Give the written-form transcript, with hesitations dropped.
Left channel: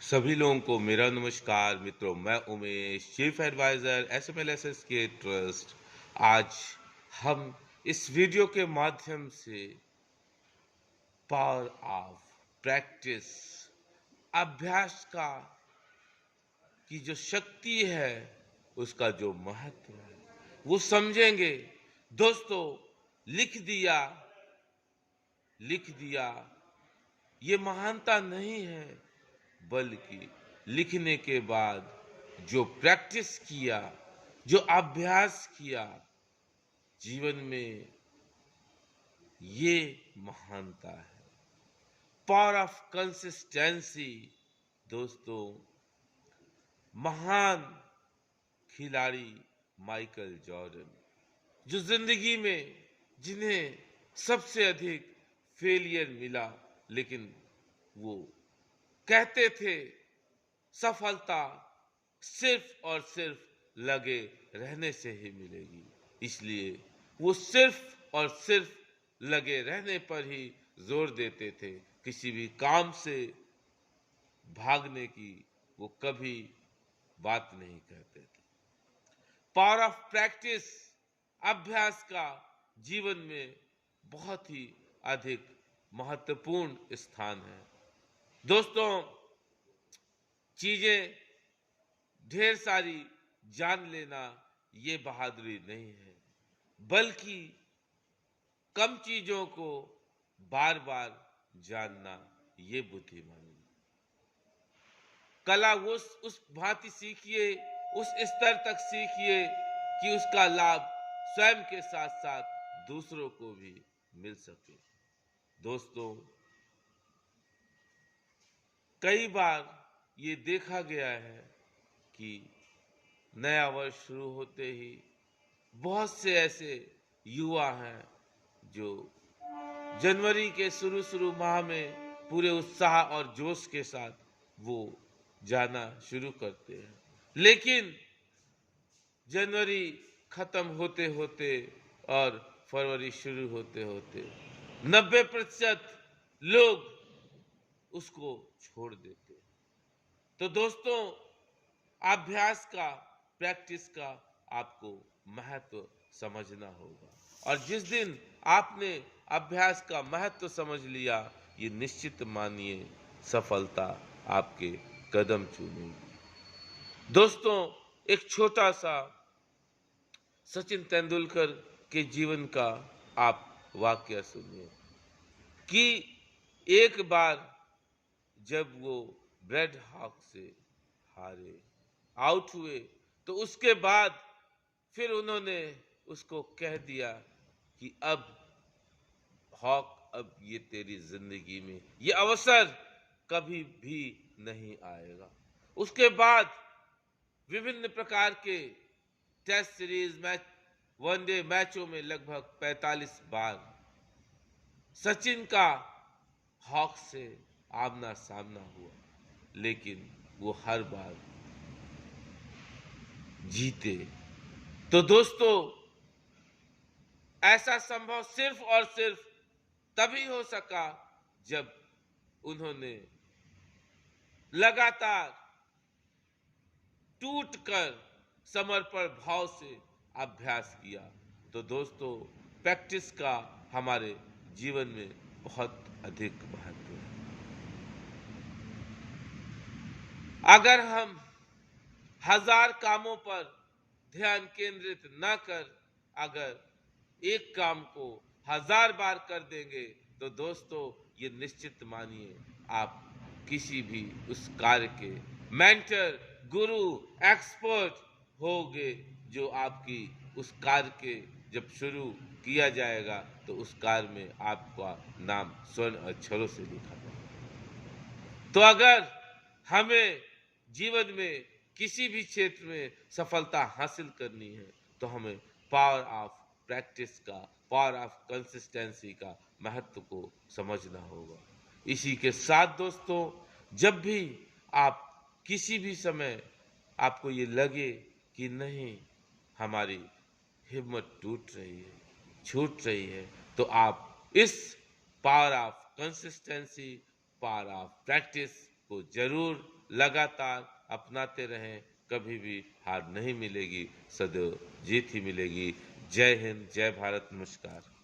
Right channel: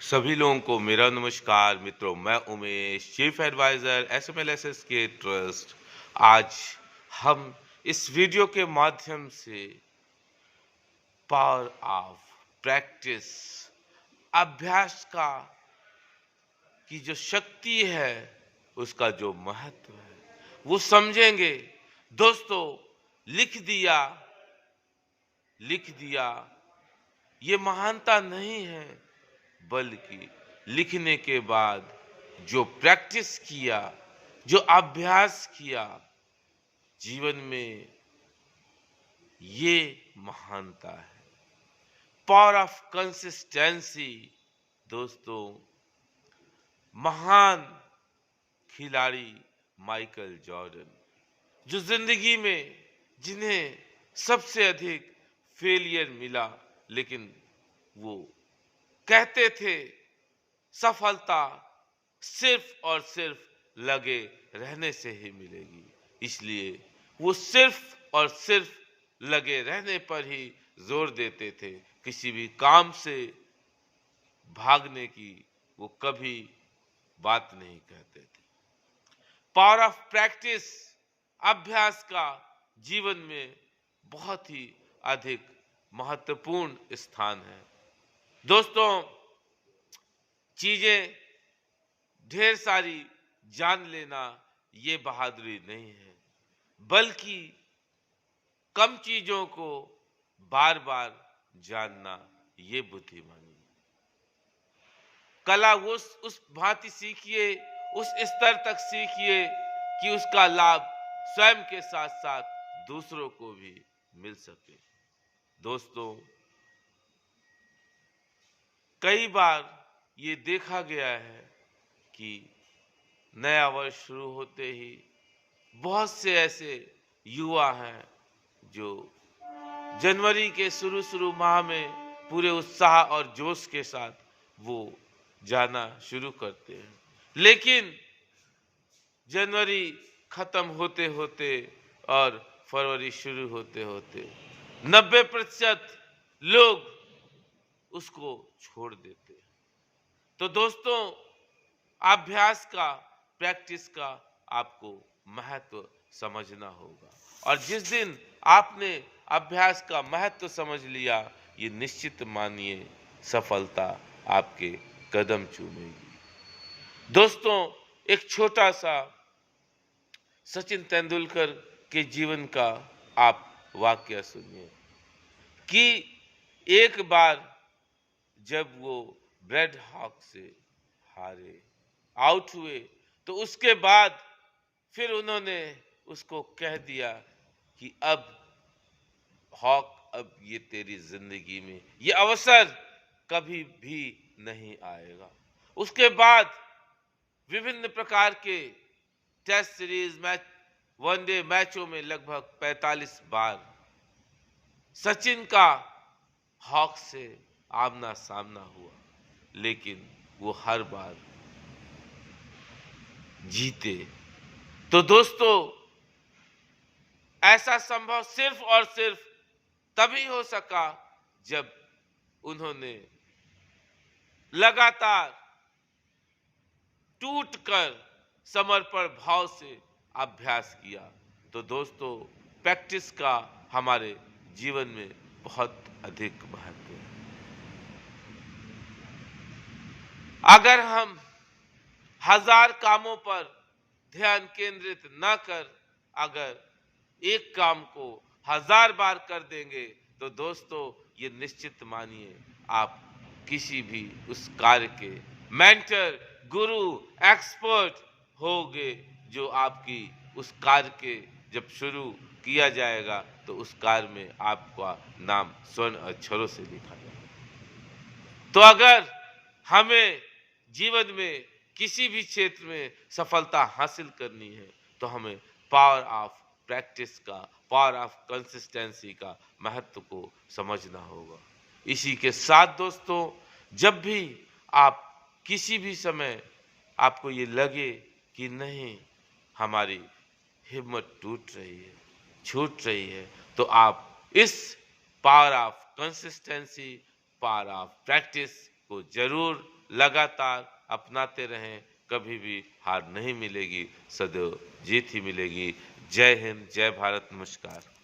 सभी लोगों को मेरा नमस्कार मित्रों। मैं उमेश, चीफ एडवाइजर एसएमएलएसएस के ट्रस्ट। आज हम इस वीडियो के माध्यम से पावर ऑफ प्रैक्टिस, अभ्यास का की जो शक्ति है, उसका जो महत्व है वो समझेंगे। दोस्तों, लिख दिया लिख दिया ये महानता नहीं है, बल्कि लिखने के बाद जो प्रैक्टिस किया, जो अभ्यास किया, जीवन में ये महानता है। Power of consistency. दोस्तों, महान खिलाड़ी माइकल जॉर्डन, जो जिंदगी में जिन्हें सबसे अधिक फेलियर मिला, लेकिन वो कहते थे सफलता सिर्फ और सिर्फ लगे रहने से ही मिलेगी। इसलिए वो सिर्फ और सिर्फ लगे रहने पर ही जोर देते थे। किसी भी काम से भागने की वो कभी बात नहीं कहते थे। पावर ऑफ प्रैक्टिस, अभ्यास का जीवन में बहुत ही अधिक महत्वपूर्ण स्थान है। दोस्तों, चीजें ढेर सारी जान लेना ये बहादुरी नहीं है, बल्कि कम चीजों को बार बार जानना ये बुद्धिमानी है। कला उस भांति सीखिए, उस स्तर तक सीखिए कि उसका लाभ स्वयं के साथ साथ दूसरों को भी मिल सके। दोस्तों, कई बार ये देखा गया है कि नया वर्ष शुरू होते ही बहुत से ऐसे युवा हैं जो जनवरी के शुरू माह में पूरे उत्साह और जोश के साथ वो जाना शुरू करते हैं, लेकिन जनवरी खत्म होते होते और फरवरी शुरू होते होते 90% लोग उसको छोड़ देते हैं। तो दोस्तों, अभ्यास का, प्रैक्टिस का आपको महत्व समझना होगा, और जिस दिन आपने अभ्यास का महत्व समझ लिया, ये निश्चित मानिए सफलता आपके कदम चूमेगी। दोस्तों, एक छोटा सा सचिन तेंदुलकर के जीवन का आप वाकया सुनिए कि एक बार जब वो ब्रेड हॉक से हारे, आउट हुए, तो उसके बाद फिर उन्होंने उसको कह दिया कि अब हॉक, अब ये तेरी जिंदगी में ये अवसर कभी भी नहीं आएगा। उसके बाद विभिन्न प्रकार के टेस्ट सीरीज मैच, वनडे मैचों में लगभग 45 बार सचिन का हॉक से आमना सामना हुआ, लेकिन वो हर बार जीते। तो दोस्तों, ऐसा संभव सिर्फ और सिर्फ तभी हो सका जब उन्होंने लगातार टूटकर समर्पण भाव से अभ्यास किया। तो दोस्तों, प्रैक्टिस का हमारे जीवन में बहुत अधिक महत्व है। अगर हम 1000 कामों पर ध्यान केंद्रित न कर, अगर एक काम को 1000 बार कर देंगे, तो दोस्तों ये निश्चित मानिए आप किसी भी उस कार्य के मेंटर, गुरु, एक्सपर्ट होगे, जो आपकी उस कार्य के जब शुरू किया जाएगा तो उस कार्य में आपका नाम स्वर्ण अक्षरों से लिखा जाएगा। तो अगर हमें जीवन में किसी भी क्षेत्र में सफलता हासिल करनी है, तो हमें पावर ऑफ प्रैक्टिस का, पावर ऑफ कंसिस्टेंसी का महत्व को समझना होगा। इसी के साथ दोस्तों, जब भी आप किसी भी समय आपको ये लगे कि नहीं, हमारी हिम्मत टूट रही है, छूट रही है, तो आप इस power of consistency, power of practice को जरूर लगातार अपनाते रहें, कभी भी हार नहीं मिलेगी, सदैव जीत ही मिलेगी। जय हिंद, जय भारत, नमस्कार।